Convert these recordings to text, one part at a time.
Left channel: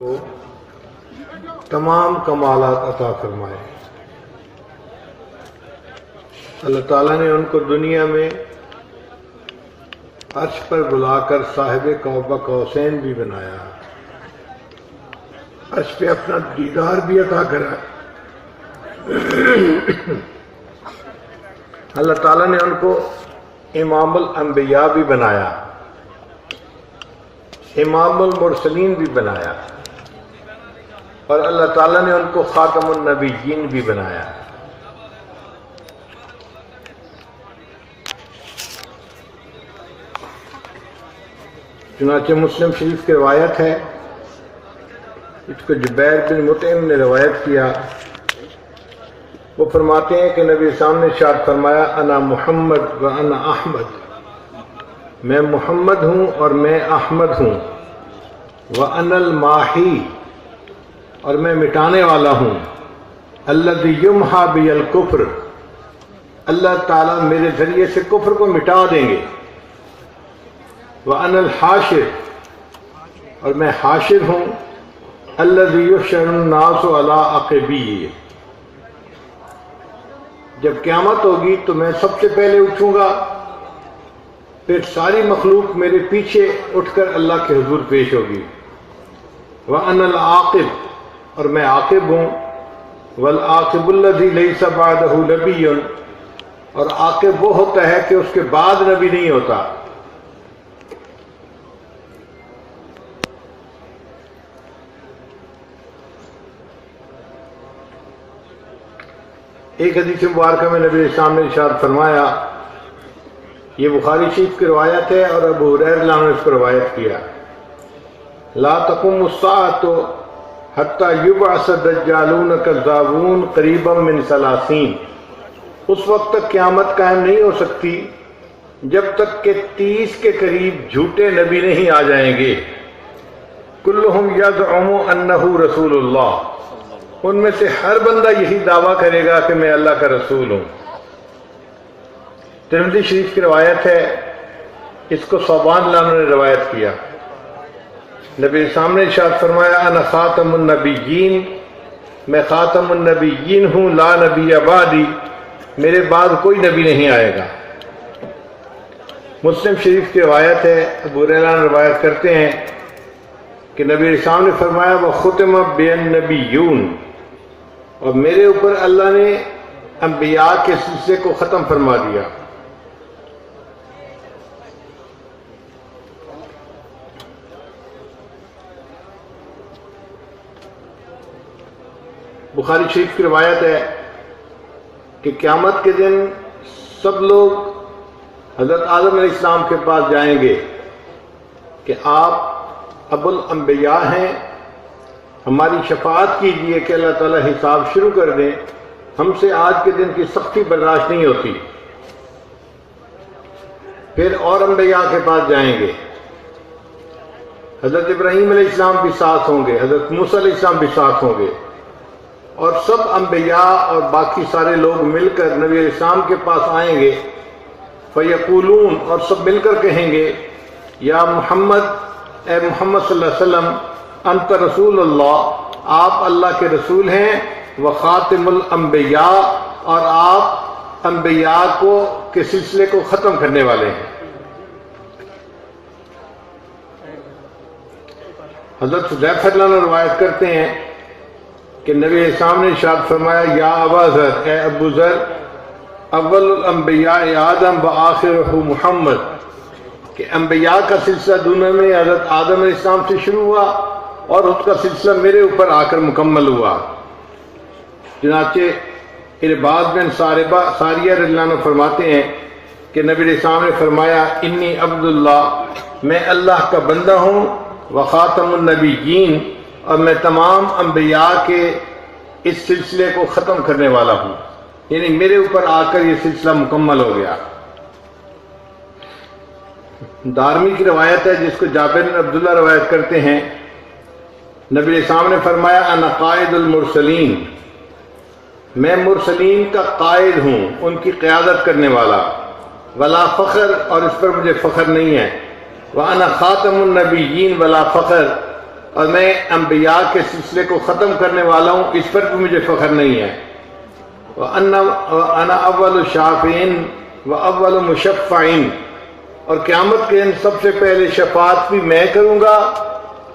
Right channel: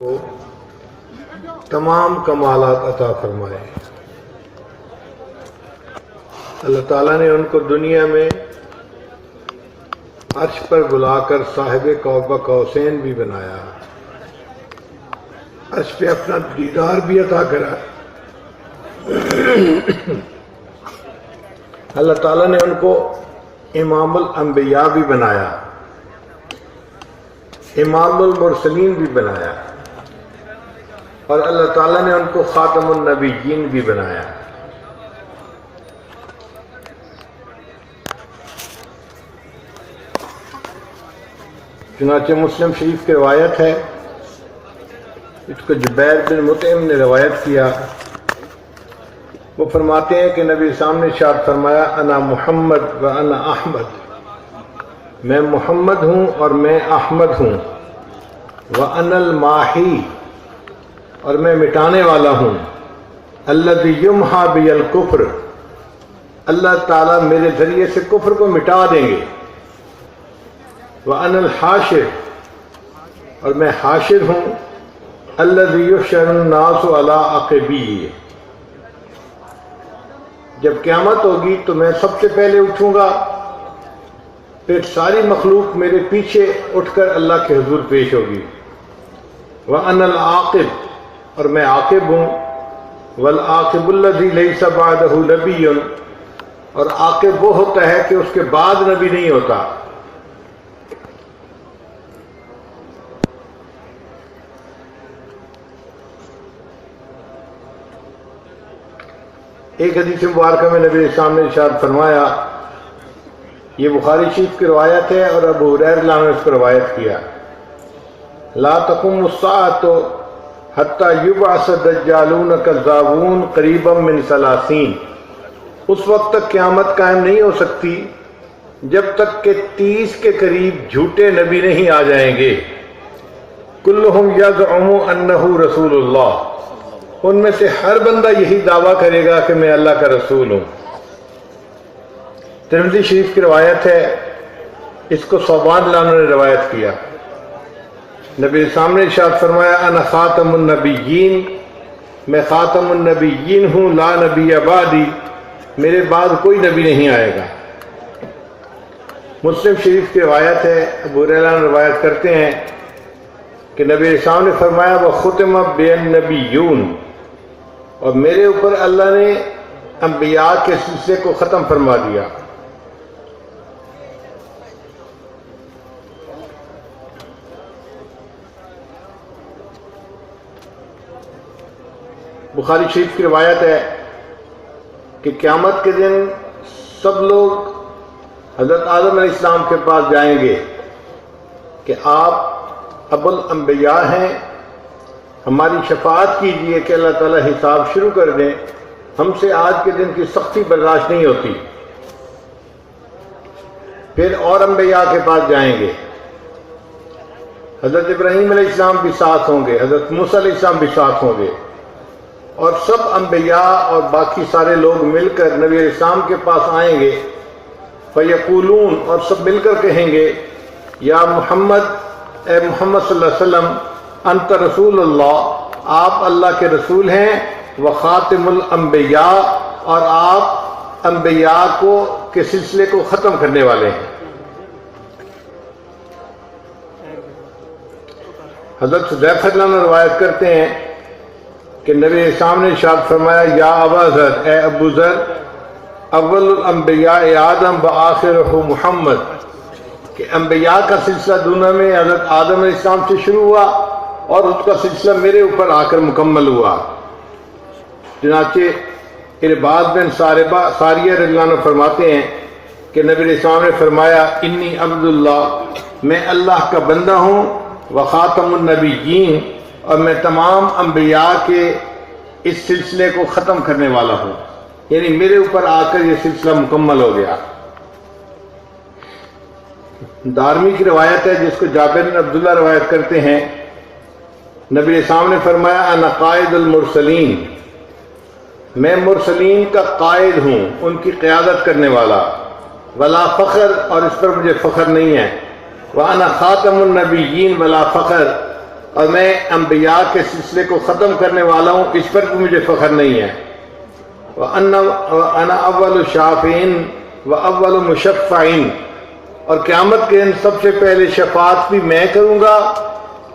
کو تمام کمالات عطا فرمائے۔ اللہ تعالیٰ نے ان کو دنیا میں عرش پر بلا کر صاحب قاب قوسین بھی بنایا، عرش پہ اپنا دیدار بھی عطا کرا۔ اللہ تعالیٰ نے ان کو امام الانبیاء بھی بنایا، امام المرسلین بھی بنایا، اور اللہ تعالیٰ نے ان کو خاتم النبیین بھی بنایا۔ چنانچہ مسلم شریف کی روایت ہے، اس کو جبیر بن مطعم نے روایت کیا، وہ فرماتے ہیں کہ نبی اسلام نے ارشاد فرمایا، انا محمد و انا احمد، میں محمد ہوں اور میں احمد ہوں، وانا الماحی، اور میں مٹانے والا ہوں، الذی یمحا بی الکفر، اللہ تعالیٰ میرے ذریعے سے کفر کو مٹا دیں گے، وانا الحاشر، اور میں حاشر ہوں، الذی یحشر الناس علی عقبی، جب قیامت ہوگی تو میں سب سے پہلے اٹھوں گا، پھر ساری مخلوق میرے پیچھے اٹھ کر اللہ کے حضور پیش ہوگی، وَأَنَا الْعَاقِبُ، اور میں عاقب ہوں، وَالْعَاقِبُ الَّذِي لَيْسَ بَعْدَهُ نَبِيٌّ، اور عاقب وہ ہوتا ہے کہ اس کے بعد نبی نہیں ہوتا۔ ایک حدیث مبارکہ میں نبی اسلام نے ارشاد فرمایا، یہ بخاری شریف کی روایت ہے اور ابو ہریرہ رضی اللہ عنہ نے اس کو روایت کیا، لا تقوم الساعة حتى يبعث دجالون كذابون قریبا من 30، اس وقت تک قیامت قائم نہیں ہو سکتی جب تک کہ 30 کے قریب جھوٹے نبی نہیں آ جائیں گے، کلہم یزعم انہ رسول اللہ، ان میں سے ہر بندہ یہی دعویٰ کرے گا کہ میں اللہ کا رسول ہوں۔ ترمذی شریف کی روایت ہے، اس کو ثوبان رضی اللہ عنہ نے روایت کیا، نبی اسلام نے ارشاد فرمایا، انا خاتم النبیین، میں خاتم النبیین ہوں، لا نبی بعدی، میرے بعد کوئی نبی نہیں آئے گا۔ مسلم شریف کی روایت ہے، ابو ہریرہ روایت کرتے ہیں کہ نبی اسلام نے فرمایا، وختم بالنبیون، اور میرے اوپر اللہ نے انبیاء کے سلسلے کو ختم فرما دیا۔ بخاری شریف کی روایت ہے کہ قیامت کے دن سب لوگ حضرت آدم علیہ السلام کے پاس جائیں گے کہ آپ ابو الانبیاء ہیں، ہماری شفاعت کیجئے کہ اللہ تعالیٰ حساب شروع کر دیں، ہم سے آج کے دن کی سختی برداشت نہیں ہوتی۔ پھر اور انبیاء کے پاس جائیں گے، حضرت ابراہیم علیہ السلام بھی ساتھ ہوں گے، حضرت موسیٰ علیہ السلام بھی ساتھ ہوں گے، اور سب انبیاء اور باقی سارے لوگ مل کر نبی علیہ السلام کے پاس آئیں گے، فیقولون، اور سب مل کر کہیں گے، یا محمد، اے محمد صلی اللہ علیہ وسلم، انت رسول اللہ، آپ اللہ کے رسول ہیں، وخاتم الانبیاء، اور آپ انبیاء کے سلسلے کو ختم کرنے والے ہیں۔ حضرت حذیفہ رضی اللہ عنہ روایت کرتے ہیں کہ نبی اسلام نے ارشاد فرمایا، یا ابا ذر، اے ابو ذر، اول الانبیاء آدم و آخرہ محمد، کہ انبیاء کا سلسلہ دنیا میں حضرت آدم علیہ السلام سے شروع ہوا اور اس کا سلسلہ میرے اوپر آ کر مکمل ہوا۔ چنانچہ ارباض بن ساریہ رضی اللہ عنہ فرماتے ہیں کہ نبی علیہ السلام نے فرمایا، انی عبداللہ، میں اللہ کا بندہ ہوں، وخاتم النبیین، اور میں تمام انبیاء کے اس سلسلے کو ختم کرنے والا ہوں، یعنی میرے اوپر آ کر یہ سلسلہ مکمل ہو گیا۔ دارمی کی روایت ہے، جس کو جابر بن عبداللہ روایت کرتے ہیں، نبی اسلام نے فرمایا، انا قائد المرسلین، میں مرسلین کا قائد ہوں، ان کی قیادت کرنے والا، ولا فخر، اور اس پر مجھے فخر نہیں ہے، وَأَنَا خَاتَمُ النَّبِيِّينَ وَلَا فَخْرَ، اور میں انبیاء کے سلسلے کو ختم کرنے والا ہوں، اس پر بھی مجھے فخر نہیں ہے۔ وَأَنَا أَوَّلُ شَافِعٍ وَأَوَّلُ مُشَفَّعٍ، اور قیامت کے دن سب سے پہلے شفاعت بھی میں کروں گا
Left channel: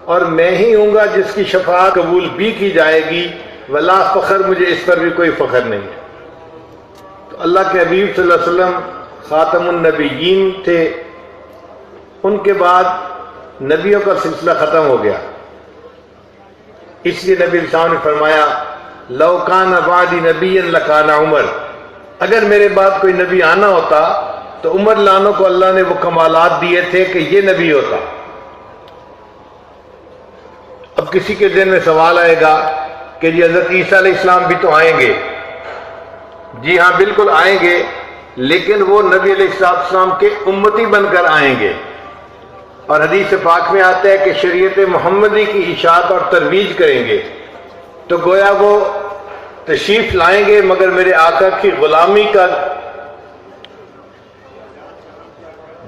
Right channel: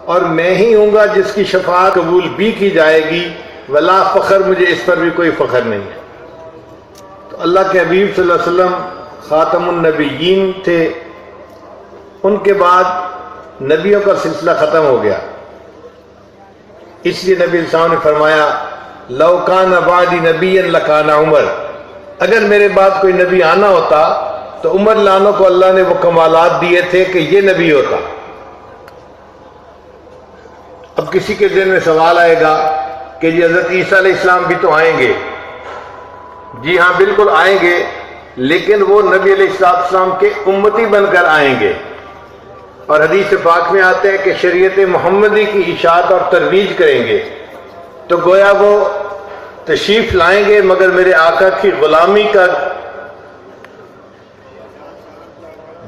اور میں ہی ہوں گا جس کی شفاعت قبول بھی کی جائے گی۔ ولا فخر، مجھے اس پر بھی کوئی فخر نہیں ہے۔ تو اللہ کے حبیب صلی اللہ علیہ وسلم خاتم النبیین تھے، ان کے بعد نبیوں کا سلسلہ ختم ہو گیا۔ اس لیے نبی صاحب نے فرمایا لو کان بعدی نبی لکان عمر، اگر میرے بعد کوئی نبی آنا ہوتا تو عمر لانوں کو اللہ نے وہ کمالات دیے تھے کہ یہ نبی ہوتا۔ اب کسی کے ذہن میں سوال آئے گا کہ جی حضرت عیسیٰ علیہ السلام بھی تو آئیں گے۔ جی ہاں بالکل آئیں گے، لیکن وہ نبی علیہ السلام کے امتی بن کر آئیں گے، اور حدیث پاک میں آتا ہے کہ شریعت محمدی کی اشاعت اور ترویج کریں گے۔ تو گویا وہ تشریف لائیں گے مگر میرے آقا کی غلامی کا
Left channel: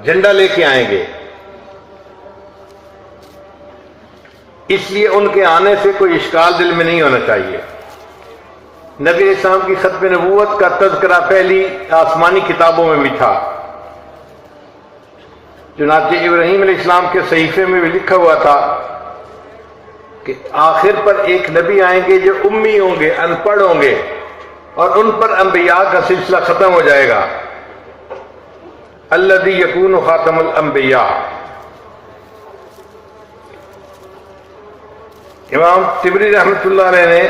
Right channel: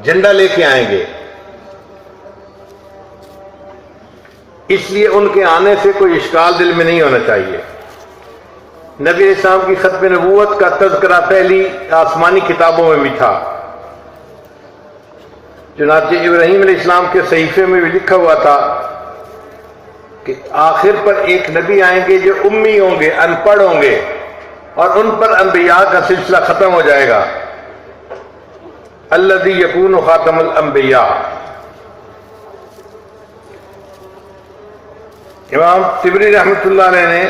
جھنڈا لے کے آئیں گے۔ اس لیے ان کے آنے سے کوئی اشکال دل میں نہیں ہونا چاہیے۔ نبی علیہ السلام کی ختم نبوت کا تذکرہ پہلی آسمانی کتابوں میں بھی تھا۔ چنانچہ ابراہیم علیہ السلام کے صحیفے میں بھی لکھا ہوا تھا کہ آخر پر ایک نبی آئیں گے جو امی ہوں گے، ان پڑھ ہوں گے، اور ان پر انبیاء کا سلسلہ ختم ہو جائے گا۔ الذی یکون خاتم الانبیاء۔ امام طبری رحمۃ اللہ علیہ نے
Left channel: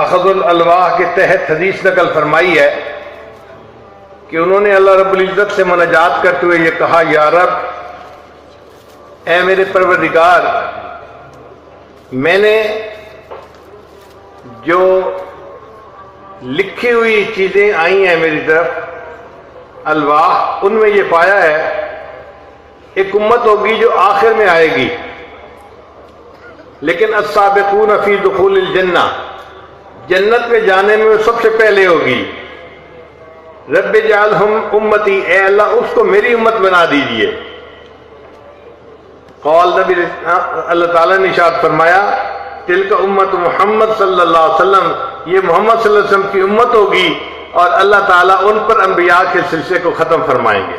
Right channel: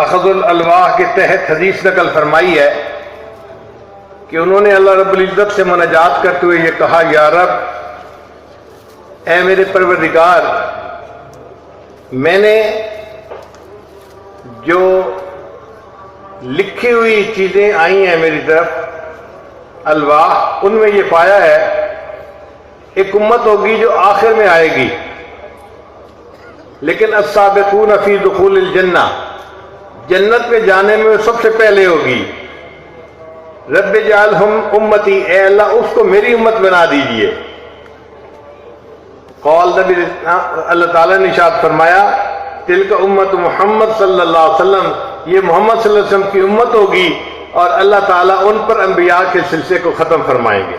اخذ الالواح کے تحت حدیث نقل فرمائی ہے کہ انہوں نے اللہ رب العزت سے مناجات کرتے ہوئے یہ کہا، یا رب، اے میرے پروردگار، میں نے جو لکھی ہوئی چیزیں آئی ہیں میری طرف الواح، ان میں یہ پایا ہے ایک امت ہوگی جو آخر میں آئے گی، لیکن السابقون فی دخول الجنہ، جنت میں جانے میں وہ سب سے پہلے ہوگی۔ رب اجعلہم امتی، اے اللہ اس کو میری امت بنا دیجئے۔ قول نبی اللہ تعالیٰ نے ارشاد فرمایا تلک امت محمد صلی اللہ علیہ وسلم، یہ محمد صلی اللہ علیہ وسلم کی امت ہوگی، اور اللہ تعالیٰ ان پر انبیاء کے سلسلے کو ختم فرمائیں گے۔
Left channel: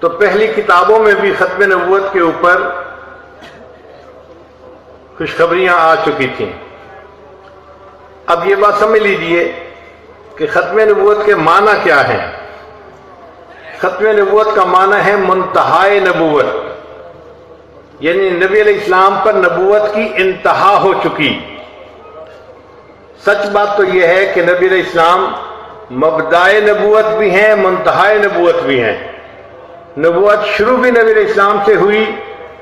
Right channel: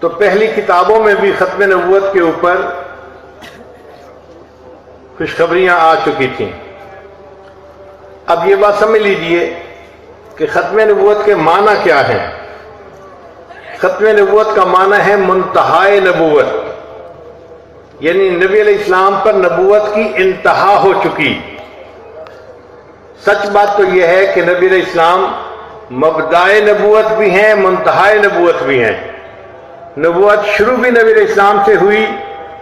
تو پہلی کتابوں میں بھی ختم نبوت کے اوپر خوشخبریاں آ چکی تھیں۔ اب یہ بات سمجھ لیجئے کہ ختم نبوت کے معنی کیا ہے۔ ختم نبوت کا معنی ہے منتہائے نبوت، یعنی نبی علیہ السلام پر نبوت کی انتہا ہو چکی۔ سچ بات تو یہ ہے کہ نبی علیہ السلام مبدائے نبوت بھی ہیں، منتہائے نبوت بھی ہیں۔ نبوت شروع بھی نبی علیہ السلام سے ہوئی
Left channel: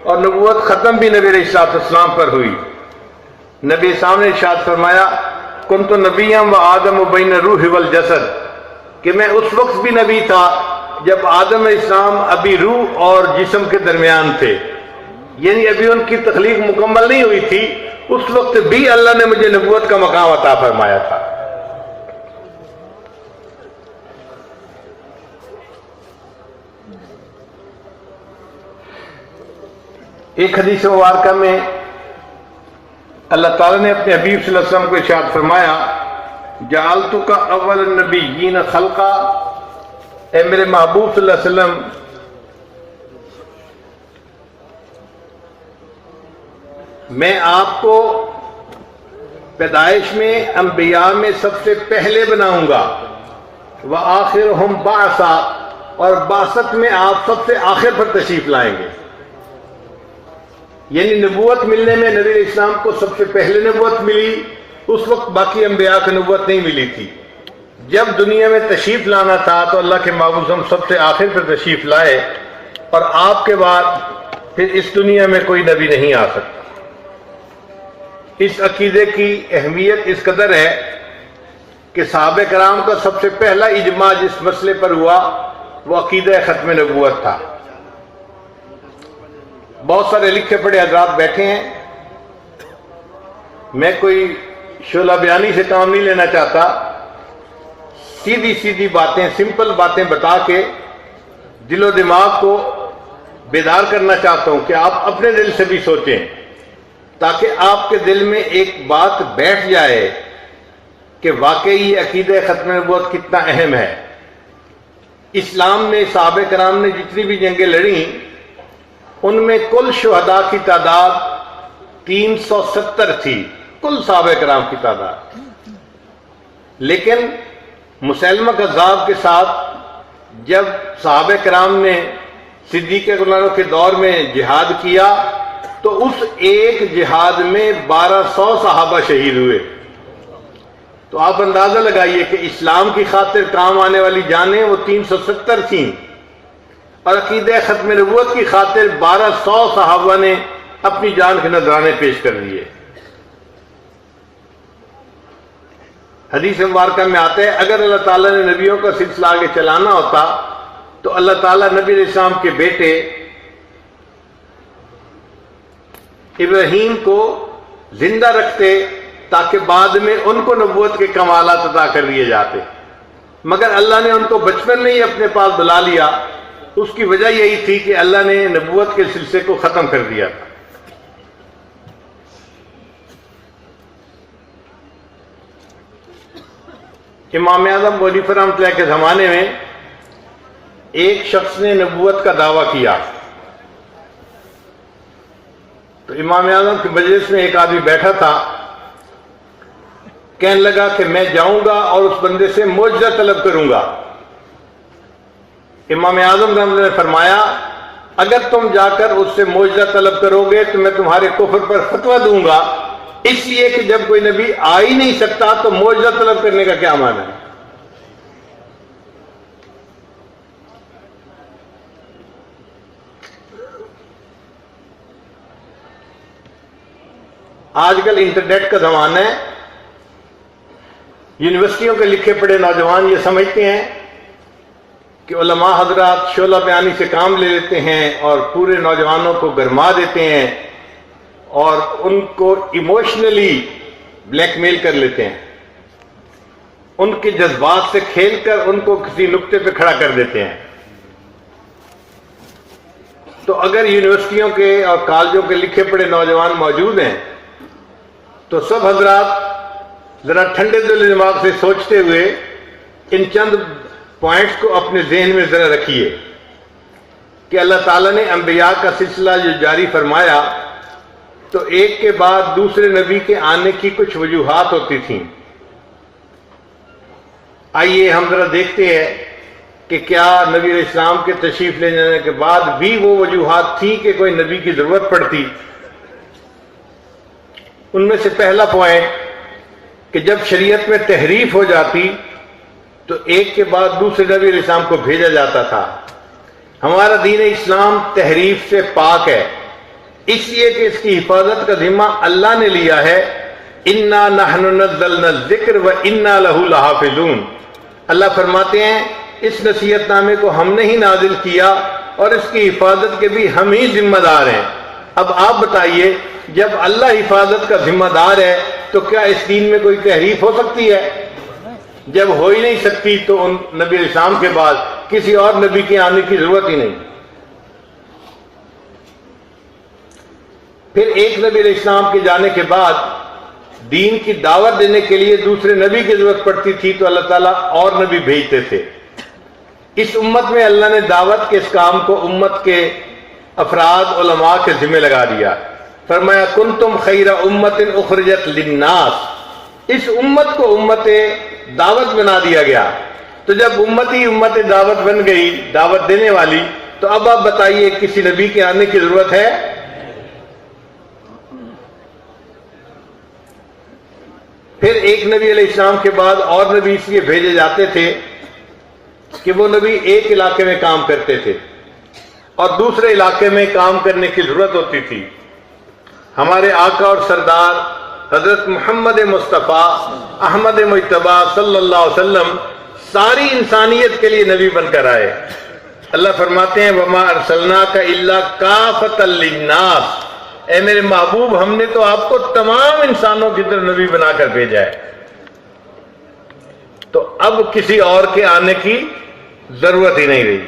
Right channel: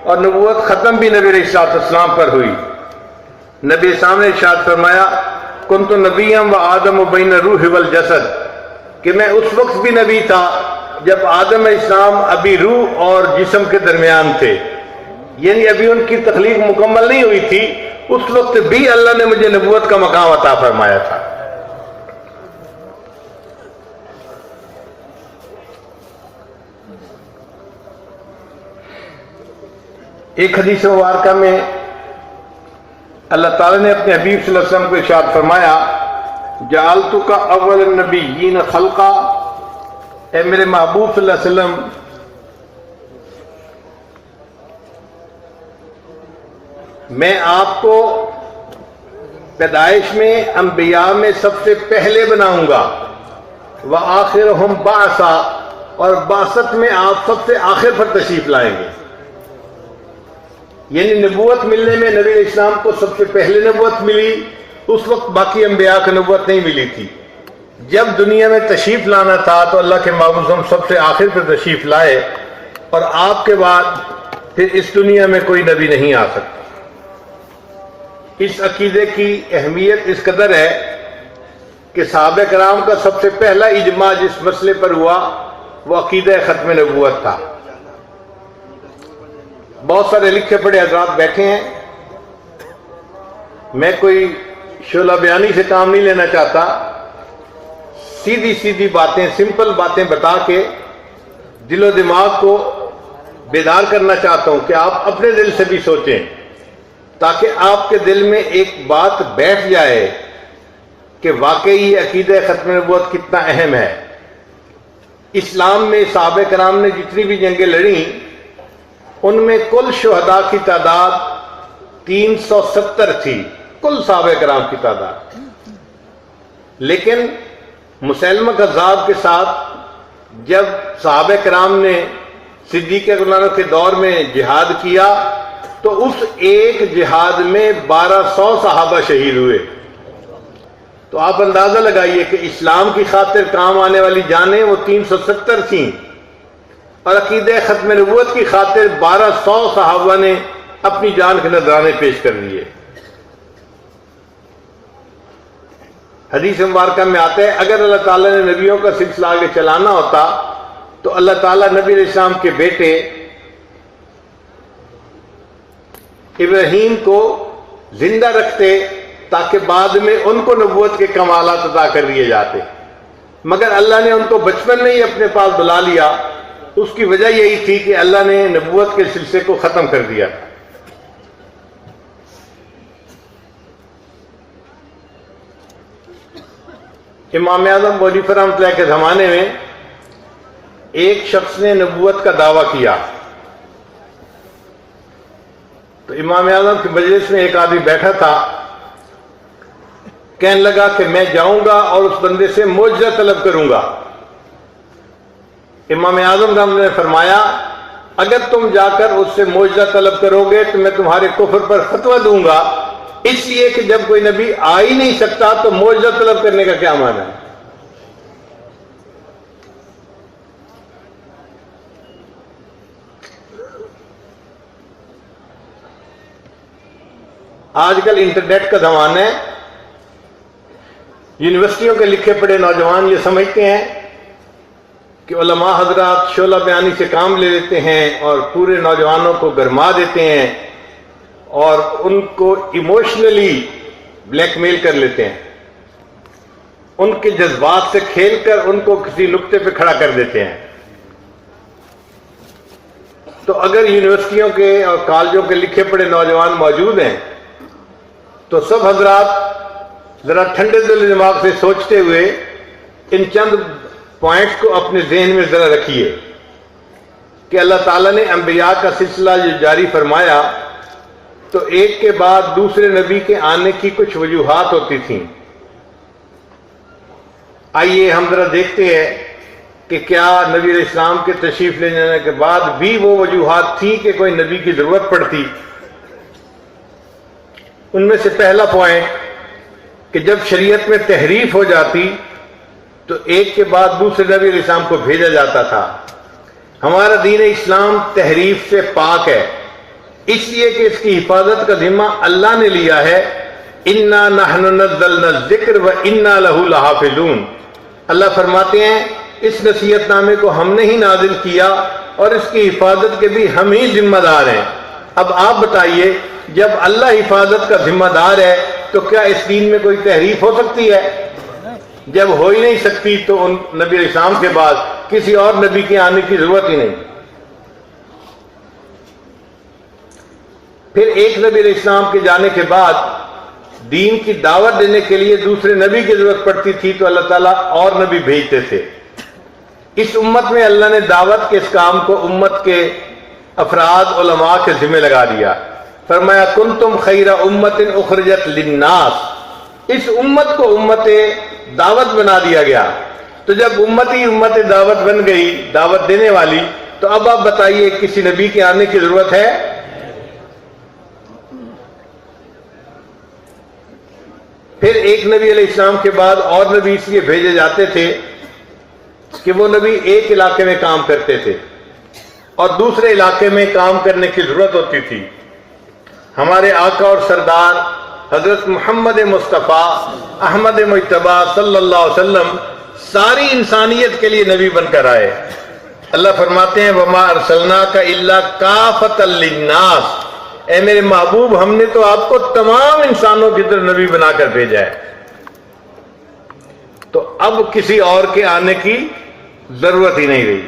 اور نبوت ختم بھی نبی علیہ السلام پر ہوئی۔ نبی السلام نے ارشاد فرمایا کنت نبیًا و آدم بین الروح والجسد، کہ میں اس وقت بھی نبی تھا جب آدم علیہ السلام ابھی روح اور جسم کے درمیان تھے، یعنی ابھی ان کی تخلیق مکمل نہیں ہوئی تھی، اس وقت بھی اللہ نے مجھے نبوت کا مقام عطا فرمایا تھا۔ ایک حدیث مبارکہ میں اللہ تعالیٰ نے اپنے حبیب صلی اللہ علیہ وسلم کو ارشاد فرمایا جعلتک اول النبیین خلقا، اے میرے محبوب صلی اللہ علیہ وسلم، میں آپ کو پیدائش میں انبیاء میں سب سے پہلے بناؤں گا، وآخرہم بعثا، اور بعثت میں آپ سب سے آخر پر تشریف لائیں گے۔ یعنی نبوت ملنے میں نبی علیہ السلام کو سب سے پہلے نبوت ملی، اس وقت باقی انبیاء کو نبوت نہیں ملی تھی۔ جب دنیا میں تشریف لانا تھا تو اللہ کے محبوب ہم سب سے آخر پر تشریف لائے، اور آپ کے بعد پھر اس دنیا میں کوئی نبی نہیں آ سکتا۔ اس عقیدے کی اہمیت اس قدر ہے کہ صحابہ کرام کا سب سے پہلا اجماع جس مسئلے پر ہوا وہ عقیدہ ختم نبوت تھا۔ بہت سارے لکھے پڑھے حضرات بیٹھے ہیں، میں کوئی شعلہ بیانی سے کام نہیں لینا چاہتا، سیدھی سیدھی باتیں، سمپل باتیں بتا کے دل و دماغ کو بیدار کرنا چاہتا ہوں کہ آپ اپنے دل سے بھی سوچیں، تاکہ آپ کے دل میں ایک بات بیٹھ جائے کہ واقعی عقیدہ ختم نبوت کتنا اہم ہے۔ اسلام میں صحابہ کرام نے جتنی بھی جنگیں لڑیں، ان میں کل شہداء کی تعداد 370 تھی، کل صحابہ کرام کی تعداد۔ لیکن مسیلمہ کذاب کے ساتھ جب صحابہ کرام نے صدیق اکبر کے دور میں جہاد کیا تو اس ایک جہاد میں 1200 صحابہ شہید ہوئے۔ تو آپ اندازہ لگائیے کہ اسلام کی خاطر کام آنے والی جانیں وہ 370 تھیں، اور عقیدہ ختم نبوت کی خاطر 1200 صحابہ نے اپنی جان کے نذرانے پیش کر دیے۔ حدیث مبارکہ میں آتا ہے اگر اللہ تعالیٰ نے نبیوں کا سلسلہ آگے چلانا ہوتا تو اللہ تعالیٰ نبی علیہ السلام کے بیٹے ابراہیم کو زندہ رکھتے تاکہ بعد میں ان کو نبوت کے کمالات عطا کر دیے جاتے، مگر اللہ نے ان کو بچپن میں ہی اپنے پاس بلا لیا۔ اس کی وجہ یہی تھی کہ اللہ نے نبوت کے سلسلے کو ختم کر دیا۔ امام اعظم ابو حنیفہ رحمۃ اللہ کے زمانے میں ایک شخص نے نبوت کا دعویٰ کیا، تو امام اعظم کی مجلس میں ایک آدمی بیٹھا تھا، کہنے لگا کہ میں جاؤں گا اور اس بندے سے معجزہ طلب کروں گا۔ امام اعظم رحمۃ اللہ نے فرمایا اگر تم جا کر اس سے معجزہ طلب کرو گے تو میں تمہارے کفر پر فتویٰ دوں گا، اس لیے کہ جب کوئی نبی آ ہی نہیں سکتا تو معجزہ طلب کرنے کا کیا معنی ہے؟ آج کل انٹرنیٹ کا زمانہ ہے، یونیورسٹیوں کے لکھے پڑھے نوجوان یہ سمجھتے ہیں کہ علماء حضرات شعلہ بیانی سے کام لے لیتے ہیں اور پورے نوجوانوں کو گرما دیتے ہیں اور ان کو ایموشنلی بلیک میل کر لیتے ہیں، ان کے جذبات سے کھیل کر ان کو کسی نقطے پہ کھڑا کر دیتے ہیں۔ تو اگر یونیورسٹیوں کے اور کالجوں کے لکھے پڑھے نوجوان موجود ہیں تو سب حضرات ذرا ٹھنڈے دل دماغ سے سوچتے ہوئے ان چند پوائنٹس کو اپنے ذہن میں ذرا رکھیے کہ اللہ تعالیٰ نے انبیاء کا سلسلہ جو جاری فرمایا تو ایک کے بعد دوسرے نبی کے آنے کی کچھ وجوہات ہوتی تھیں۔ آئیے ہم ذرا دیکھتے ہیں کہ کیا نبی علیہ السلام کے تشریف لے جانے کے بعد بھی وہ وجوہات تھی کہ کوئی نبی کی ضرورت پڑتی۔ ان میں سے پہلا پوائنٹ کہ جب شریعت میں تحریف ہو جاتی تو ایک کے بعد دوسرے نبی علیہ السلام کو بھیجا جاتا تھا۔ ہمارا دین اسلام تحریف سے پاک ہے، اس لیے کہ اس کی حفاظت کا ذمہ اللہ نے لیا ہے۔ اِنَّا نَحْنُ نَزَّلْنَا الذِّكْرَ وَإِنَّا لَهُ لَحَافِظُونَ۔ اللہ فرماتے ہیں اس نصیحت نامے کو ہم نے ہی نازل کیا اور اس کی حفاظت کے بھی ہم ہی ذمہ دار ہیں۔ اب آپ بتائیے جب اللہ حفاظت کا ذمہ دار ہے تو کیا اس دین میں کوئی تحریف ہو سکتی ہے؟ جب ہو ہی نہیں سکتی تو ان نبی علیہ السلام کے بعد کسی اور نبی کے آنے کی ضرورت ہی نہیں۔ پھر ایک نبی علیہ السلام کے جانے کے بعد دین کی دعوت دینے کے لیے دوسرے نبی کی ضرورت پڑتی تھی تو اللہ تعالیٰ اور نبی بھیجتے تھے۔ اس امت میں اللہ نے دعوت کے اس کام کو امت کے افراد علماء کے ذمہ لگا دیا۔ فرمایا کنتم خیر امت اخرجت للناس، اس امت کو امت دعوت بنا دیا گیا۔ تو جب امت ہی امت دعوت بن گئی، دعوت دینے والی، تو اب آپ بتائیے کسی نبی کے آنے کی ضرورت ہے؟ پھر ایک نبی علیہ السلام کے بعد اور نبی اس لیے بھیجے جاتے تھے کہ وہ نبی ایک علاقے میں کام کرتے تھے اور دوسرے علاقے میں کام کرنے کی ضرورت ہوتی تھی۔ ہمارے آقا اور سردار حضرت محمد مصطفیٰ احمد مجتبیٰ صلی اللہ علیہ وسلم ساری انسانیت کے لیے نبی بن کر آئے۔ اللہ فرماتے ہیں وَمَا أَرْسَلْنَاكَ إِلَّا كَافَةً لِلنَّاسِ، اے میرے محبوب ہم نے تو آپ کو تمام انسانوں کی طرف نبی بنا کر بھیجا ہے۔ تو اب کسی اور کے آنے کی ضرورت ہی نہیں رہی۔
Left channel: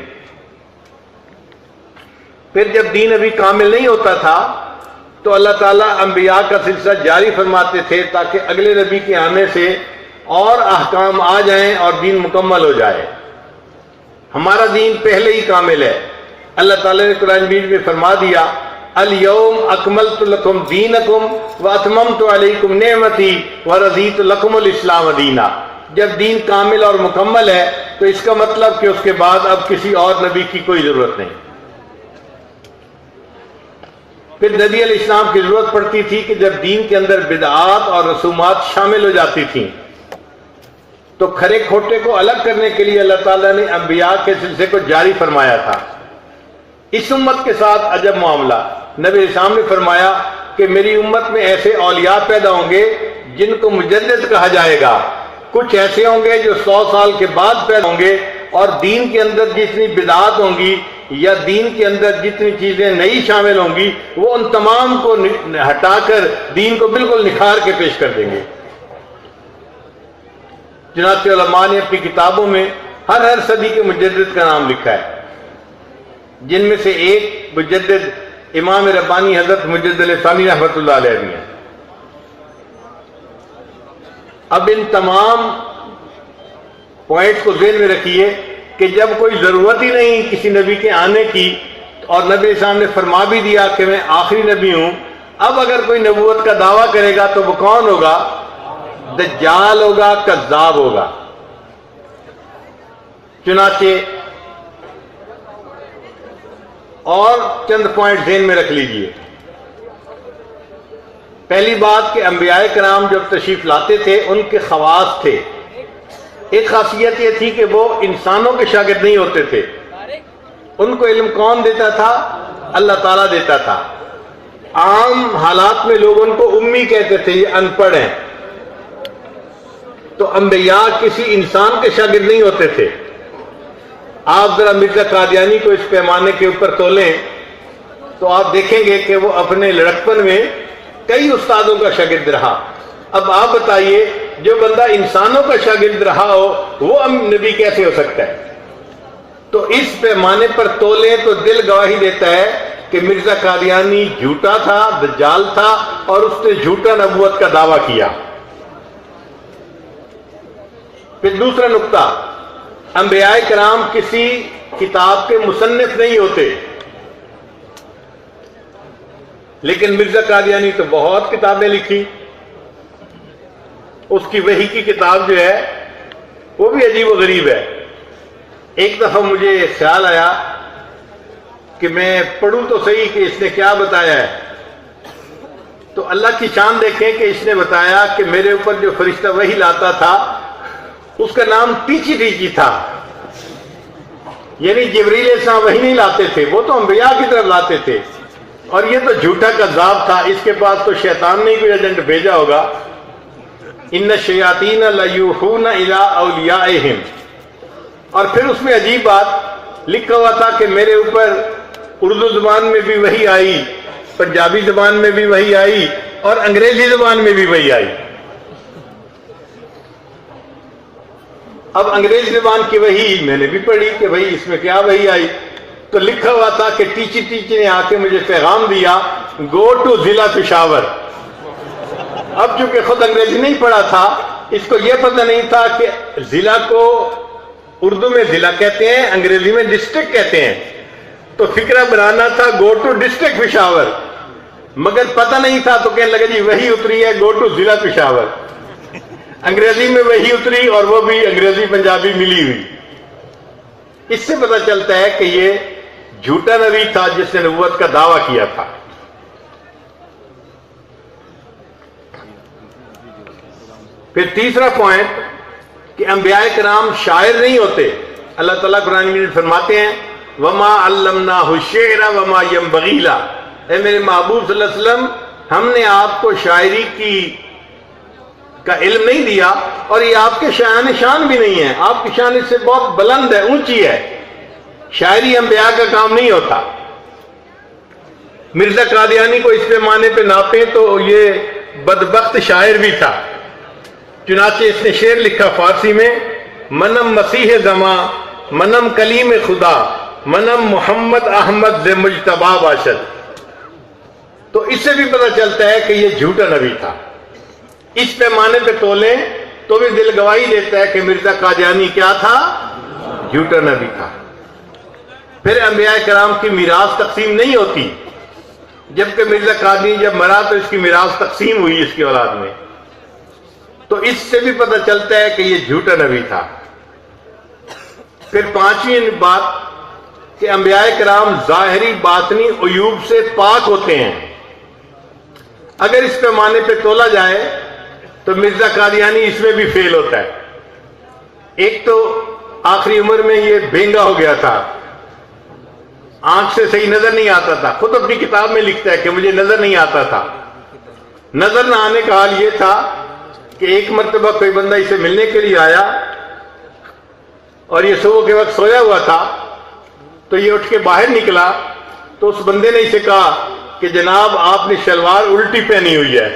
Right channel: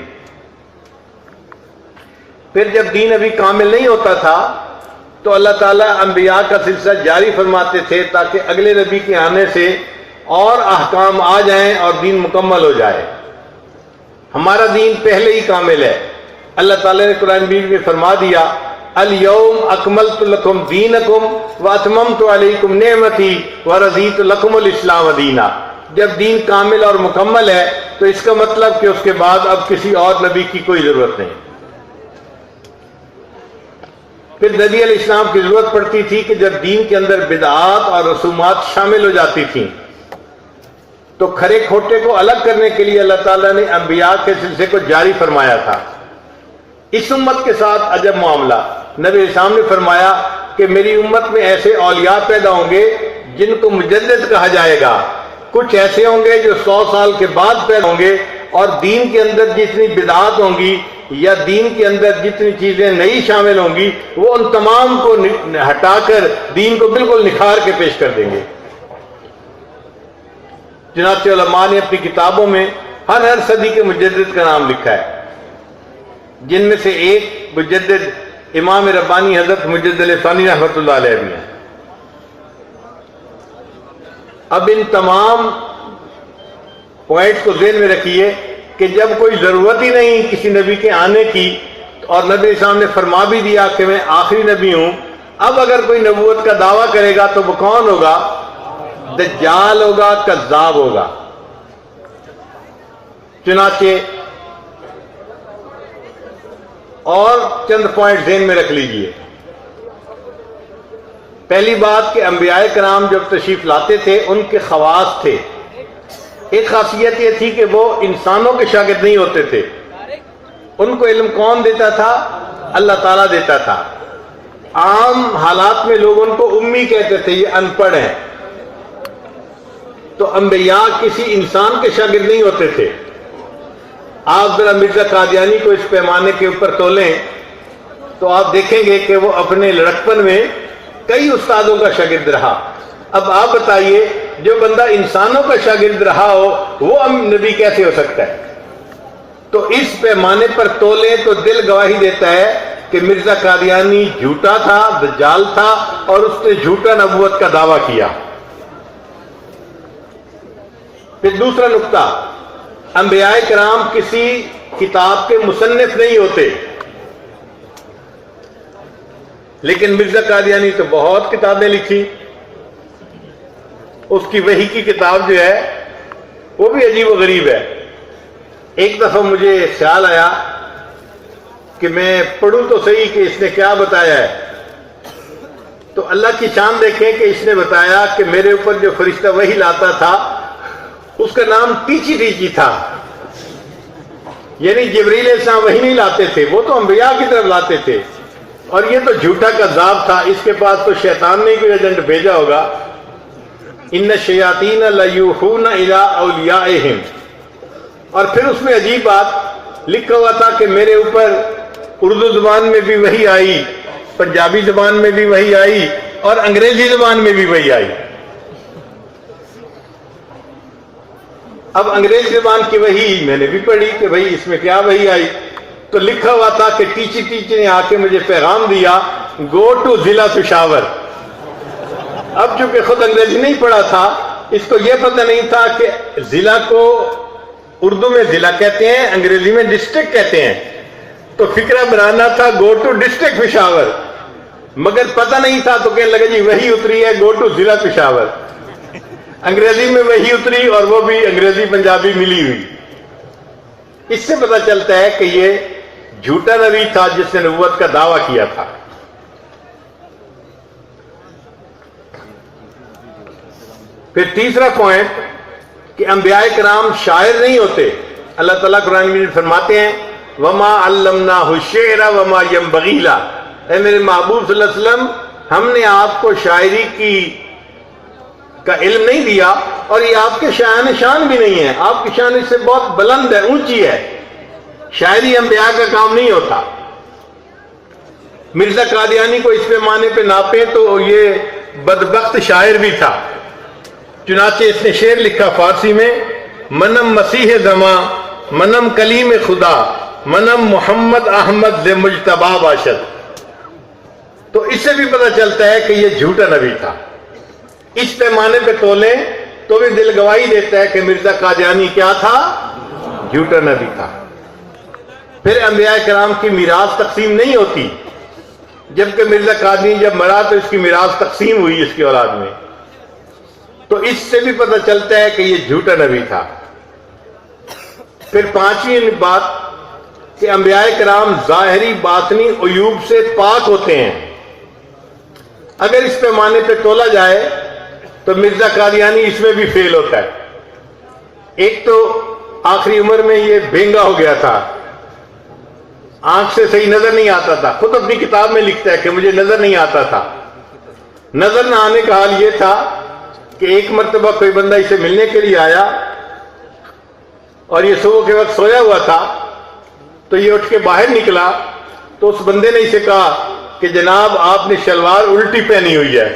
پھر جب دین ابھی کامل نہیں ہوتا تھا تو اللہ تعالیٰ انبیاء کا سلسلہ جاری فرماتے تھے تاکہ اگلے نبی کے آنے سے اور احکام آ جائیں اور دین مکمل ہو جائے۔ ہمارا دین پہلے ہی کامل ہے۔ اللہ تعالیٰ نے قرآن مجید میں فرما دیا الیوم اکملت لکم دینکم واتممت علیکم نعمتی ورضیت لکم الاسلام دینا۔ جب دین کامل اور مکمل ہے تو اس کا مطلب کہ اس کے بعد اب کسی اور نبی کی کوئی ضرورت نہیں۔ پھر نبی علیہ السلام کی ضرورت پڑتی تھی کہ جب دین کے اندر بدعات اور رسومات شامل ہو جاتی تھیں تو کھرے کھوٹے کو الگ کرنے کے لیے اللہ تعالیٰ نے انبیاء کے سلسلے کو جاری فرمایا تھا۔ اس امت کے ساتھ عجب معاملہ، نبی علیہ السلام نے فرمایا کہ میری امت میں ایسے اولیاء پیدا ہوں گے جن کو مجدد کہا جائے گا، کچھ ایسے ہوں گے جو 100 سال کے بعد پیدا ہوں گے اور دین کے اندر جتنی بدعات ہوں گی یا دین کے اندر جتنی چیزیں نئی شامل ہوں گی وہ ان تمام کو ہٹا کر دین کو بالکل نکھار کے پیش کر دیں گے۔ چنانچہ علماء نے اپنی کتابوں میں ہر صدی کے مجدد کا نام لکھا ہے، جن میں سے ایک مجدد امام ربانی حضرت مجدد علیہ ثانی رحمۃ اللہ علیہ بھی ہیں۔ اب ان تمام پوائنٹ کو ذہن میں رکھیے کہ جب کوئی ضرورت ہی نہیں کسی نبی کے آنے کی اور نبی اسلام نے فرما بھی دیا کہ میں آخری نبی ہوں، اب اگر کوئی نبوت کا دعویٰ کرے گا تو وہ کون ہوگا؟ دجال ہوگا، کذاب ہوگا۔ چنانچہ اور چند پوائنٹ ذہن میں رکھ لیجئے۔ پہلی بات کہ انبیاء کرام جب تشریف لاتے تھے ان کے خواص تھے۔ ایک خاصیت یہ تھی کہ وہ انسانوں کے شاگرد نہیں ہوتے تھے، ان کو علم کون دیتا تھا؟ اللہ تعالیٰ دیتا تھا۔ عام حالات میں لوگ ان کو امی کہتے تھے، یہ ان پڑھ ہیں۔ تو انبیاء کسی انسان کے شاگرد نہیں ہوتے تھے۔ آپ ذرا مرزا قادیانی کو اس پیمانے کے اوپر تولیں تو آپ دیکھیں گے کہ وہ اپنے لڑکپن میں کئی استادوں کا شاگرد رہا۔ اب آپ بتائیے جو بندہ انسانوں کا شاگرد رہا ہو وہ نبی کیسے ہو سکتا ہے؟ تو اس پیمانے پر تولیں تو دل گواہی دیتا ہے کہ مرزا قادیانی جھوٹا تھا، دجال تھا، اور اس نے جھوٹا نبوت کا دعویٰ کیا۔ پھر دوسرا نقطہ، انبیاء کرام کسی کتاب کے مصنف نہیں ہوتے، لیکن مرزا قادیانی تو بہت کتابیں لکھی۔ اس کی وحی کی کتاب جو ہے وہ بھی عجیب و غریب ہے۔ ایک دفعہ مجھے خیال آیا کہ میں پڑھوں تو صحیح کہ اس نے کیا بتایا ہے، تو اللہ کی شان دیکھیں کہ اس نے بتایا کہ میرے اوپر جو فرشتہ وحی لاتا تھا اس کا نام ٹیچی ٹیچی تھا، یعنی جبریل علیہ السلام وحی نہیں لاتے تھے، وہ تو انبیاء کی طرف لاتے تھے، اور یہ تو جھوٹا کذاب تھا، اس کے پاس تو شیطان نے کوئی ایجنٹ بھیجا ہوگا۔ ان الشیاطین لیوحون الی اولیائہم، اور پھر اس میں عجیب بات لکھا ہوا تھا کہ میرے اوپر اردو زبان میں بھی وحی آئی، پنجابی زبان میں بھی وحی آئی، اور انگریزی زبان میں بھی وحی آئی۔ اب انگریزی زبان کی وحی میں نے بھی پڑھی کہ بھئی اس میں کیا وحی آئی، تو لکھا ہوا تھا کہ ٹیچی ٹیچی نے آ کے مجھے پیغام دیا، گو ٹو ضلع پشاور۔ اب چونکہ خود انگریزی نہیں پڑھا تھا، اس کو یہ پتہ نہیں تھا کہ ضلع کو اردو میں ضلع کہتے ہیں، انگریزی میں ڈسٹرکٹ کہتے ہیں، تو فکرہ بنانا تھا گو ٹو ڈسٹرکٹ پشاور، مگر پتہ نہیں تھا تو کہنے لگا جی وہی اتری ہے گو ٹو ضلع پشاور۔ انگریزی میں وہی اتری اور وہ بھی انگریزی پنجابی ملی ہوئی۔ اس سے پتہ چلتا ہے کہ یہ جھوٹا نبی تھا جس نے نبوت کا دعویٰ کیا تھا۔ پھر تیسرا پوائنٹ کہ انبیاء کرام شاعر نہیں ہوتے۔ اللہ تعالیٰ قرآن میں فرماتے ہیں وما علمناہ الشعر وما ينبغی لہ، اے میرے محبوب صلی اللہ علیہ وسلم ہم نے آپ کو شاعری کا علم نہیں دیا، اور یہ آپ کے شان بھی نہیں ہے، آپ کی شان اس سے بہت بلند ہے، اونچی ہے۔ شاعری انبیاء کا کام نہیں ہوتا۔ مرزا قادیانی کو اس پیمانے پہ ناپیں تو یہ بدبخت شاعر بھی تھا، چنانچہ اس نے شعر لکھا فارسی میں، منم مسیح زماں منم کلیم خدا منم محمد احمد ز مجتبا باشد. تو اس سے بھی پتہ چلتا ہے کہ یہ جھوٹا نبی تھا. اس پیمانے پہ تولیں تو بھی دل گواہی دیتا ہے کہ مرزا قادیانی کیا تھا؟ جھوٹا نبی تھا. پھر انبیاء کرام کی میراث تقسیم نہیں ہوتی، جبکہ مرزا قادیانی جب مرا تو اس کی میراث تقسیم ہوئی اس کی اولاد میں. تو اس سے بھی پتہ چلتا ہے کہ یہ جھوٹا نبی تھا. پھر پانچویں بات کہ انبیاء کرام ظاہری باطنی عیوب سے پاک ہوتے ہیں. اگر اس پیمانے پہ تولا جائے تو مرزا قادیانی اس میں بھی فیل ہوتا ہے. ایک تو آخری عمر میں یہ بینگا ہو گیا تھا، آنکھ سے صحیح نظر نہیں آتا تھا. خود اپنی کتاب میں لکھتا ہے کہ مجھے نظر نہیں آتا تھا. نظر نہ آنے کا حال یہ تھا کہ ایک مرتبہ کوئی بندہ اسے ملنے کے لیے آیا اور یہ صبح کے وقت سویا ہوا تھا. تو یہ اٹھ کے باہر نکلا تو اس بندے نے اسے کہا کہ جناب آپ نے شلوار الٹی پہنی ہوئی ہے.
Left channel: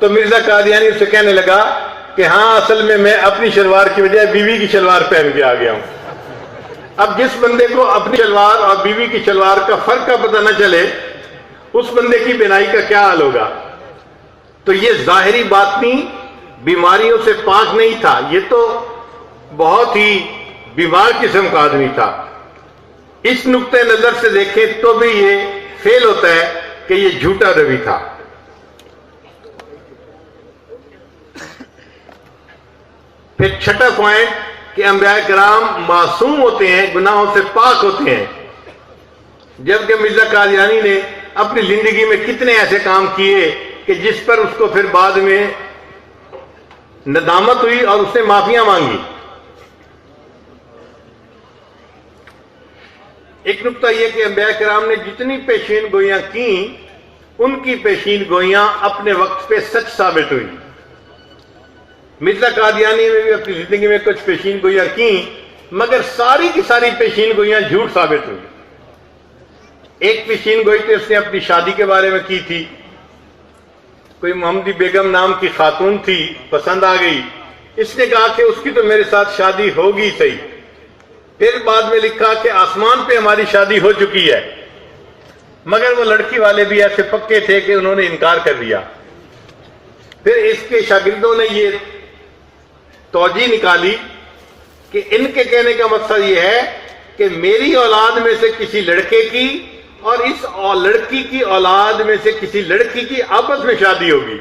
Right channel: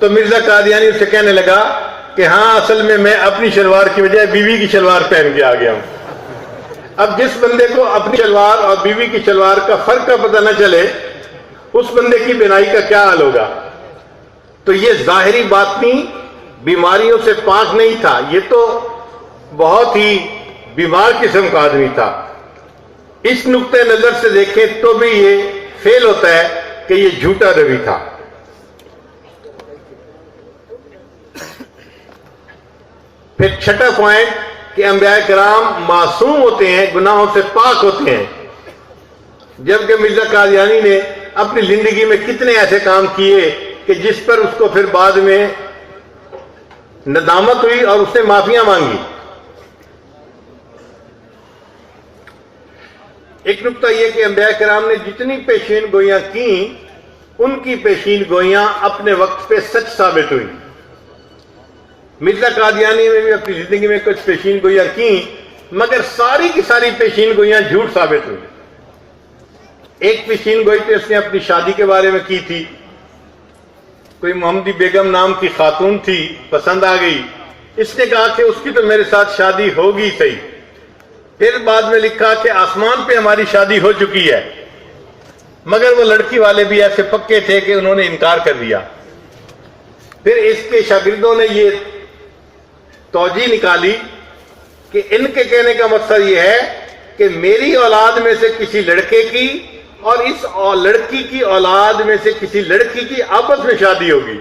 تو مرزا قادیانی اسے کہنے لگا کہ ہاں اصل میں اپنی شلوار کی بجائے بیوی کی شلوار پہن کے آ گیا ہوں. اب جس بندے کو اپنی شلوار اور بیوی کی شلوار کا فرق کا پتہ نہ چلے اس بندے کی بینائی کا کیا حال ہوگا. تو یہ ظاہری باطنی بیماریوں سے پاک نہیں تھا، یہ تو بہت ہی بیمار قسم کا آدمی تھا. اس نقطۂ نظر سے دیکھیں تو بھی یہ فیل ہوتا ہے کہ یہ جھوٹا نبی تھا. پھر چھٹا پوائنٹ کہ انبیاء کرام معصوم ہوتے ہیں، گناہوں سے پاک ہوتے ہیں، جبکہ مرزا قادیانی نے اپنی زندگی میں کتنے ایسے کام کیے کہ جس پر اس کو پھر بعد میں ندامت ہوئی اور اس نے معافیاں مانگی. ایک نقطہ یہ کہ انبیاء کرام نے جتنی پیشین گوئیاں کی ان کی پیشین گوئیاں اپنے وقت پہ سچ ثابت ہوئی. مرزا قادیانی نے بھی اپنی زندگی میں کچھ پیشین گوئیاں کی مگر ساری کی ساری پیشین گوئیاں جھوٹ ثابت ہوئی. ایک پیشین گوئی تو اس نے اپنی شادی کے بارے میں کی تھی. کوئی محمدی بیگم نام کی خاتون تھی، پسند آ گئی، اس نے کہا کہ اس کی تو میرے ساتھ شادی ہوگی صحیح. پھر بعد میں لکھا کہ آسمان پہ ہماری شادی ہو چکی ہے، مگر وہ لڑکی والے بھی ایسے پکے تھے کہ انہوں نے انکار کر دیا. پھر اس کے شاگردوں نے یہ توجہ نکالی کہ ان کے کہنے کا مقصد یہ ہے کہ میری اولاد میں سے کسی لڑکے کی اور اس لڑکی کی اولاد میں سے کسی لڑکی کی آپس میں شادی ہوگی.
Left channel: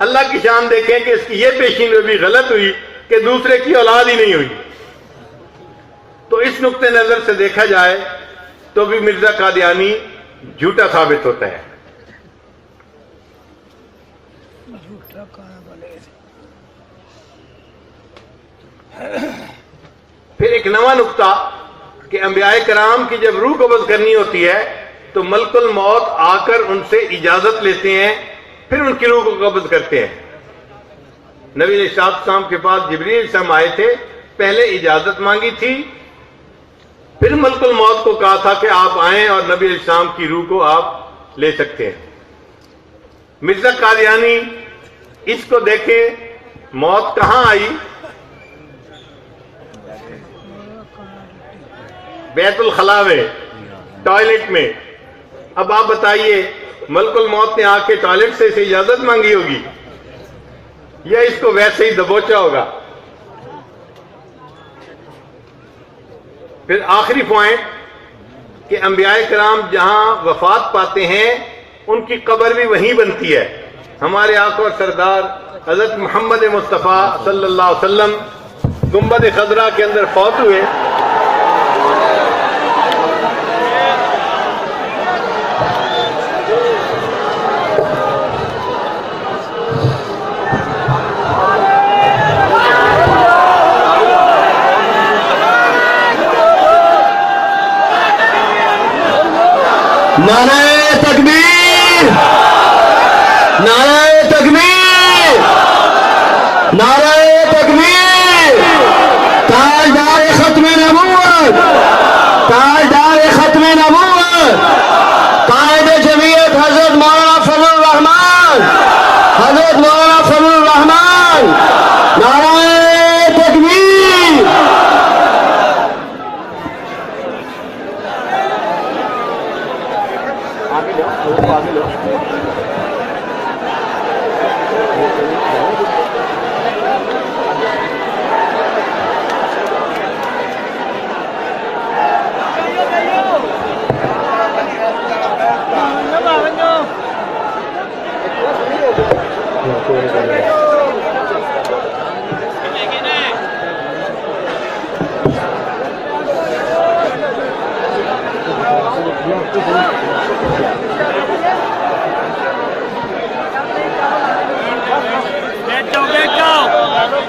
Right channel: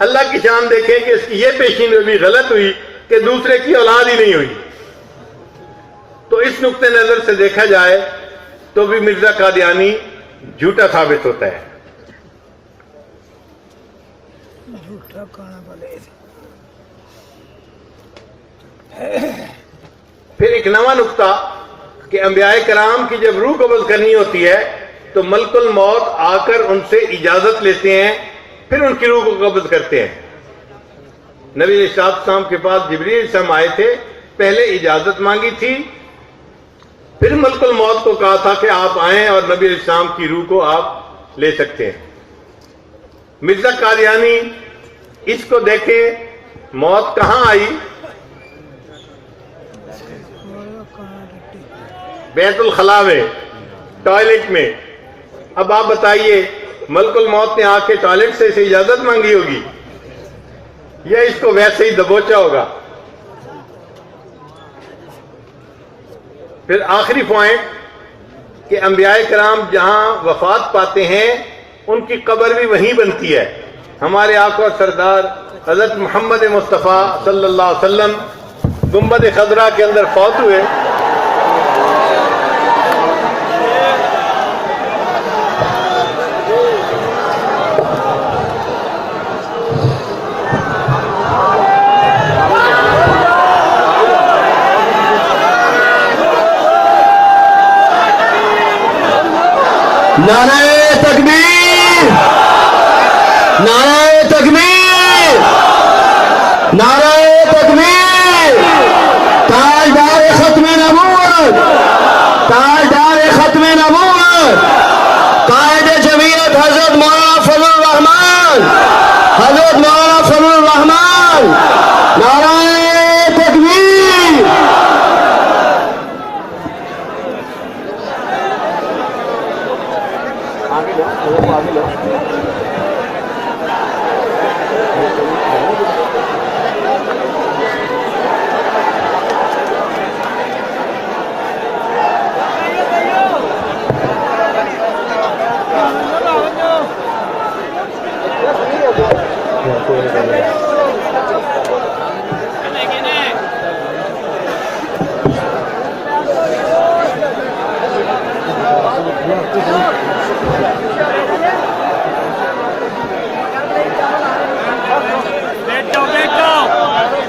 اللہ کی شان دیکھیں کہ اس کی یہ پیشین گوئی غلط ہوئی کہ دوسرے کی اولاد ہی نہیں ہوئی. تو اس نقطۂ نظر سے دیکھا جائے تو بھی مرزا قادیانی جھوٹا ثابت ہوتا ہے. پھر ایک نواں نقطہ کہ انبیاء کرام کی جب روح قبض کرنی ہوتی ہے تو ملک الموت آ کر ان سے اجازت لیتے ہیں، پھر ان کی روح کو قبض کرتے ہیں. نبی علیہ السلام کے پاس جبریل علیہ السلام آئے تھے، پہلے اجازت مانگی تھی، پھر ملک الموت کو کہا تھا کہ آپ آئیں اور نبی علیہ السلام کی روح کو آپ لے سکتے ہیں. مرزا قادیانی اس کو دیکھیں، موت کہاں آئی؟ بیت الخلاء میں، ٹوائلٹ میں. اب آپ بتائیے ملک الموت نے آ کے ٹوائلٹ سے اسے اجازت مانگی ہوگی یا اس کو ویسے ہی دبوچا ہوگا؟ پھر آخری پوائنٹ کہ انبیاء کرام جہاں وفات پاتے ہیں ان کی قبر بھی وہیں بنتی ہے. ہمارے آقا اور سردار حضرت محمد مصطفیٰ صلی اللہ علیہ وسلم گنبد خضرا کے اندر فوت ہوئے. نعرہ تکبیر، نعرہ تکبیر، نعرہ تکبیر. تاجدار ختم نبوت، تاجدار ختم نبوت، قائد جمعیت حضرت مولانا فضل الرحمان، حضرت مولانا فضل الرحمان. نعرہ تکبیر.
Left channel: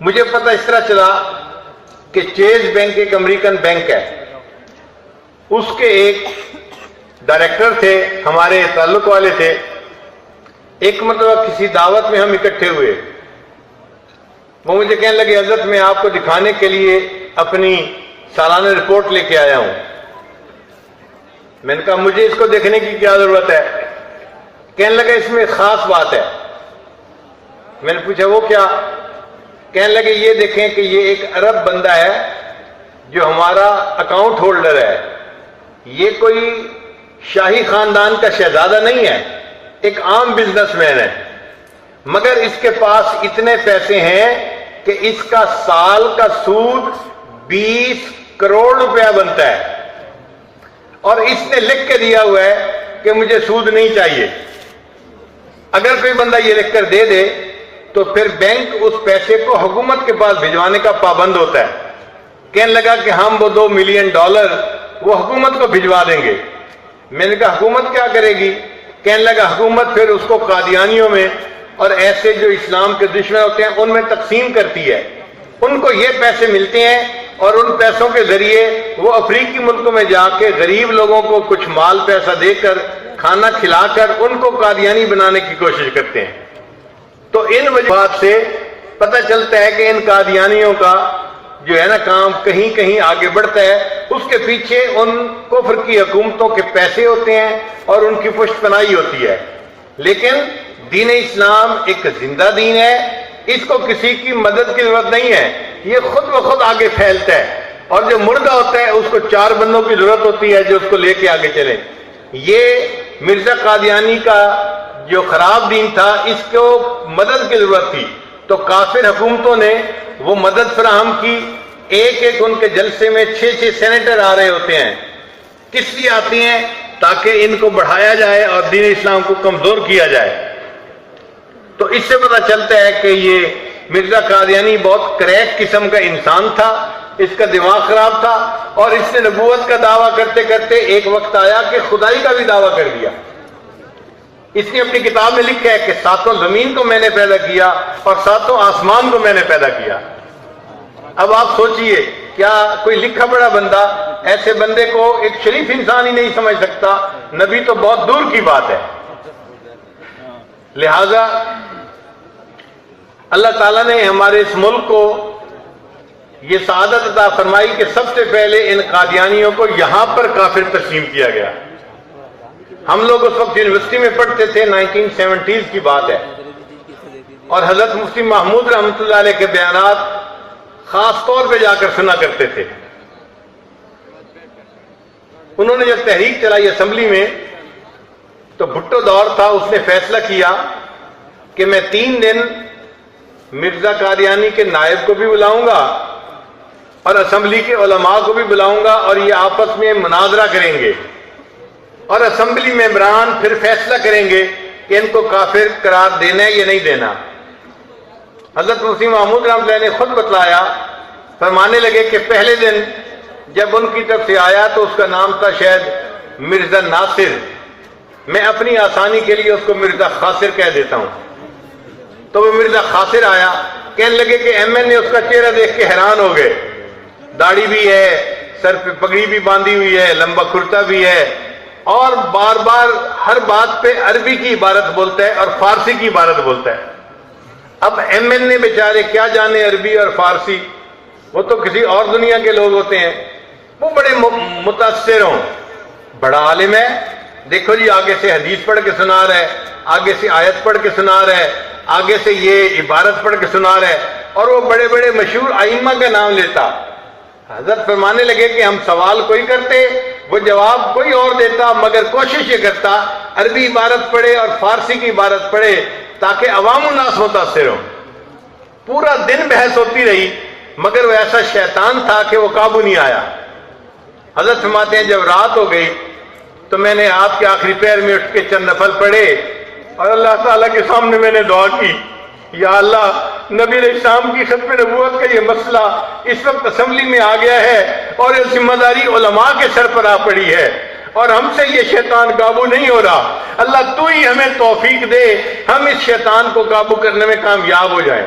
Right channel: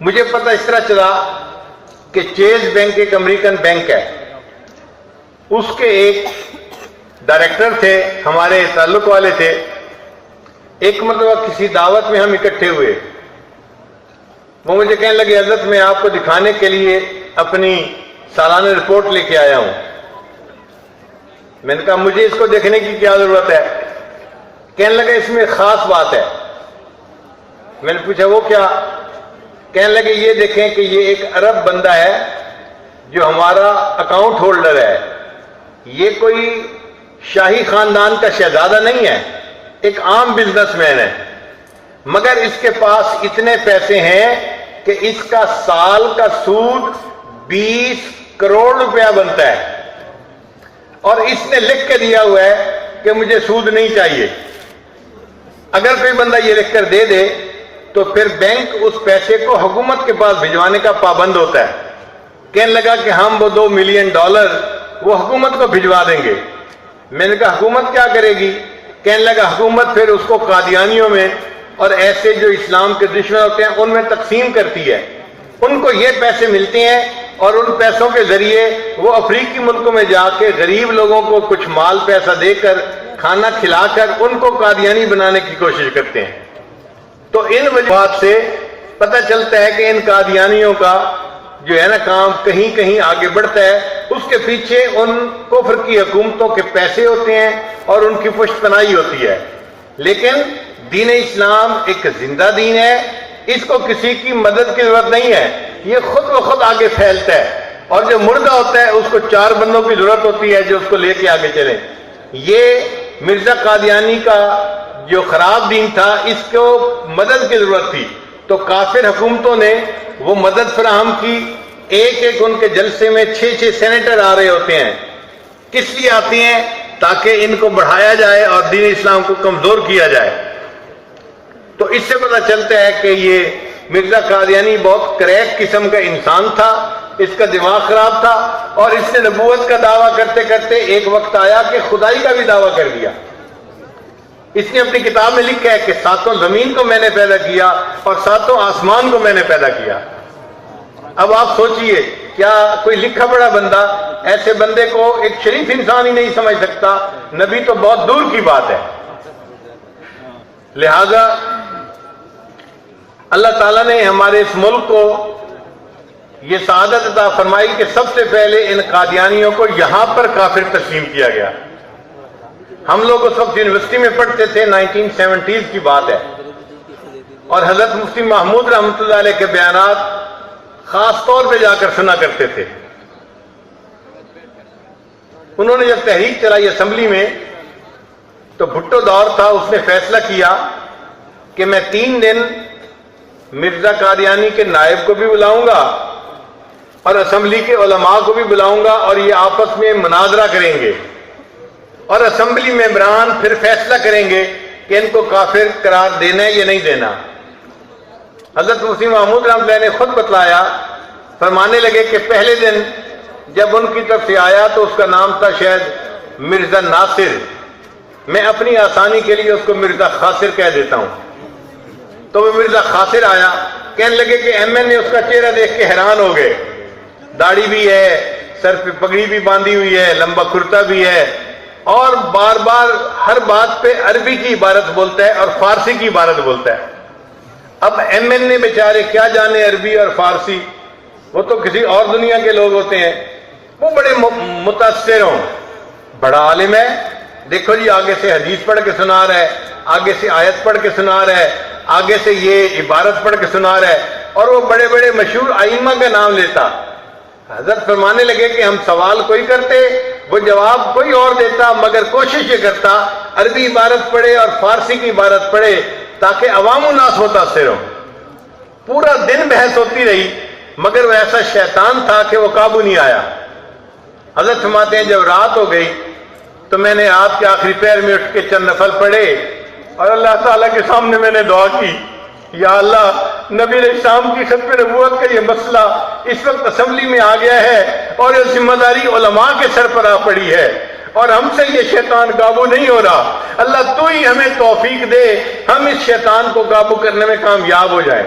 مجھے پتہ اس طرح چلا کہ چیز بینک ایک امریکن بینک ہے، اس کے ایک ڈائریکٹر تھے، ہمارے تعلق والے تھے۔ ایک مرتبہ کسی دعوت میں ہم اکٹھے ہوئے، وہ مجھے کہنے لگے حضرت میں آپ کو دکھانے کے لیے اپنی سالانہ رپورٹ لے کے آیا ہوں۔ میں نے کہا مجھے اس کو دیکھنے کی کیا ضرورت ہے؟ کہنے لگا اس میں خاص بات ہے۔ میں نے پوچھا وہ کیا؟ کہنے لگے یہ دیکھیں کہ یہ ایک عرب بندہ ہے جو ہمارا اکاؤنٹ ہولڈر ہے، یہ کوئی شاہی خاندان کا شہزادہ نہیں ہے، ایک عام بزنس مین ہے، مگر اس کے پاس اتنے پیسے ہیں کہ اس کا سال کا سود 20 کروڑ روپیہ بنتا ہے، اور اس نے لکھ کے دیا ہوا ہے کہ مجھے سود نہیں چاہیے۔ اگر کوئی بندہ یہ لکھ کر دے دے تو پھر بینک اس پیسے کو حکومت کے پاس بھجوانے کا پابند ہوتا ہے۔ کہنے لگا کہ ہم وہ $2 ملین وہ حکومت کو بھجوا دیں گے۔ میں نے کہا حکومت کیا کرے گی؟ کہنے لگا حکومت پھر اس کو قادیانیوں میں اور ایسے جو اسلام کے دشمن ہوتے ہیں ان میں تقسیم کرتی ہے، ان کو یہ پیسے ملتے ہیں اور ان پیسوں کے ذریعے وہ افریقی ملکوں میں جا کے غریب لوگوں کو کچھ مال پیسہ دے کر کھانا کھلا کر ان کو قادیانی بنانے کی کوشش کرتے ہیں۔ تو ان وجوہات سے پتہ چلتا ہے کہ ان قادیانیوں کا جو ہے نا کام کہیں کہیں آگے بڑھتا ہے، اس کے پیچھے ان کفر کی حکومتوں کے پیسے ہوتے ہیں اور ان کی پشت پناہی ہوتی ہے۔ لیکن دین اسلام ایک زندہ دین ہے، اس کو کسی کی مدد کی ضرورت نہیں ہے، یہ خود بخود آگے پھیلتا ہے، اور جو مردہ ہوتا ہے اس کو 4 بندوں کی ضرورت ہوتی ہے جو اس کو لے کے آگے چلیں۔ یہ مرزا قادیانی کا جو خراب دین تھا، اس کو مدد کی ضرورت تھی، تو کافر حکومتوں نے وہ مدد فراہم کی۔ ایک ایک ان کے جلسے میں 6 سینیٹر آ رہے ہوتے ہیں۔ کس لیے آتے ہیں؟ تاکہ ان کو بڑھایا جائے اور دین اسلام کو کمزور کیا جائے۔ تو اس سے پتہ چلتا ہے کہ یہ مرزا قادیانی بہت کریک قسم کا انسان تھا، اس کا دماغ خراب تھا، اور اس نے نبوت کا دعویٰ کرتے کرتے ایک وقت آیا کہ خدائی کا بھی دعویٰ کر دیا۔ اس نے اپنی کتاب میں لکھا ہے کہ 7 زمین کو میں نے پیدا کیا اور 7 آسمان کو میں نے پیدا کیا۔ اب آپ سوچئے، کیا کوئی لکھا پڑھا بندہ ایسے بندے کو ایک شریف انسان ہی نہیں سمجھ سکتا؟ نبی تو بہت دور کی بات ہے۔ لہذا اللہ تعالیٰ نے ہمارے اس ملک کو یہ سعادت عطا فرمائی کہ سب سے پہلے ان قادیانیوں کو یہاں پر کافر تسلیم کیا گیا۔ ہم لوگ اس وقت یونیورسٹی میں پڑھتے تھے، 1970s کی بات ہے، اور حضرت مفتی محمود رحمۃ اللہ علیہ کے بیانات خاص طور پہ جا کر سنا کرتے تھے۔ انہوں نے جب تحریک چلائی اسمبلی میں تو بھٹو دور تھا، اس نے فیصلہ کیا کہ میں 3 دن مرزا قادیانی کے نائب کو بھی بلاؤں گا اور اسمبلی کے علماء کو بھی بلاؤں گا، اور یہ آپس میں مناظرہ کریں گے، اور اسمبلی ممبران پھر فیصلہ کریں گے کہ ان کو کافر قرار دینا ہے یا نہیں دینا۔ حضرت مفتی محمود رحمۃ اللہ نے خود بتلایا، فرمانے لگے کہ پہلے دن جب ان کی طرف سے آیا تو اس کا نام تھا شاید مرزا ناصر، میں اپنی آسانی کے لیے اس کو مرزا خاصر کہہ دیتا ہوں۔ تو وہ مرزا خاصر آیا، کہنے لگے کہ ایم این نے اس کا چہرہ دیکھ کے حیران ہو گئے، داڑھی بھی ہے، سر پہ پگڑی بھی باندھی ہوئی ہے، لمبا کرتا بھی ہے، اور بار بار ہر بات پہ عربی کی عبارت بولتا ہے اور فارسی کی عبارت بولتا ہے۔ اب ایم این نے بیچارے کیا جانے عربی اور فارسی، وہ تو کسی اور دنیا کے لوگ ہوتے ہیں، وہ بڑے متاثر ہوں، بڑا عالم ہے، دیکھو جی آگے سے حدیث پڑھ کے سنا رہا ہے، آگے سے آیت پڑھ کے سنا رہا ہے، آگے سے یہ عبارت پڑھ کے سنا رہا ہے، اور وہ بڑے بڑے مشہور ائمہ کا نام لیتا۔ حضرت فرمانے لگے کہ ہم سوال کوئی کرتے، وہ جواب کوئی اور دیتا، مگر کوشش یہ کرتا عربی عبارت پڑھے اور فارسی کی عبارت پڑھے تاکہ عوام الناس متاثر ہوں۔ پورا دن بحث ہوتی رہی، مگر وہ ایسا شیطان تھا کہ وہ قابو نہیں آیا۔ حضرت فرماتے ہیں جب رات ہو گئی تو میں نے آپ کے آخری پیر میں اٹھ کے چند نفل پڑھے اور اللہ تعالیٰ کے سامنے میں نے دعا کی، یا اللہ، نبی علیہ السلام کی ختم نبوت کا یہ مسئلہ اس وقت اسمبلی میں آ گیا ہے اور یہ ذمہ داری علماء کے سر پر آ پڑی ہے اور ہم سے یہ شیطان قابو نہیں ہو رہا، اللہ تو ہی ہمیں توفیق دے، ہم اس شیطان کو قابو کرنے میں کامیاب ہو جائیں۔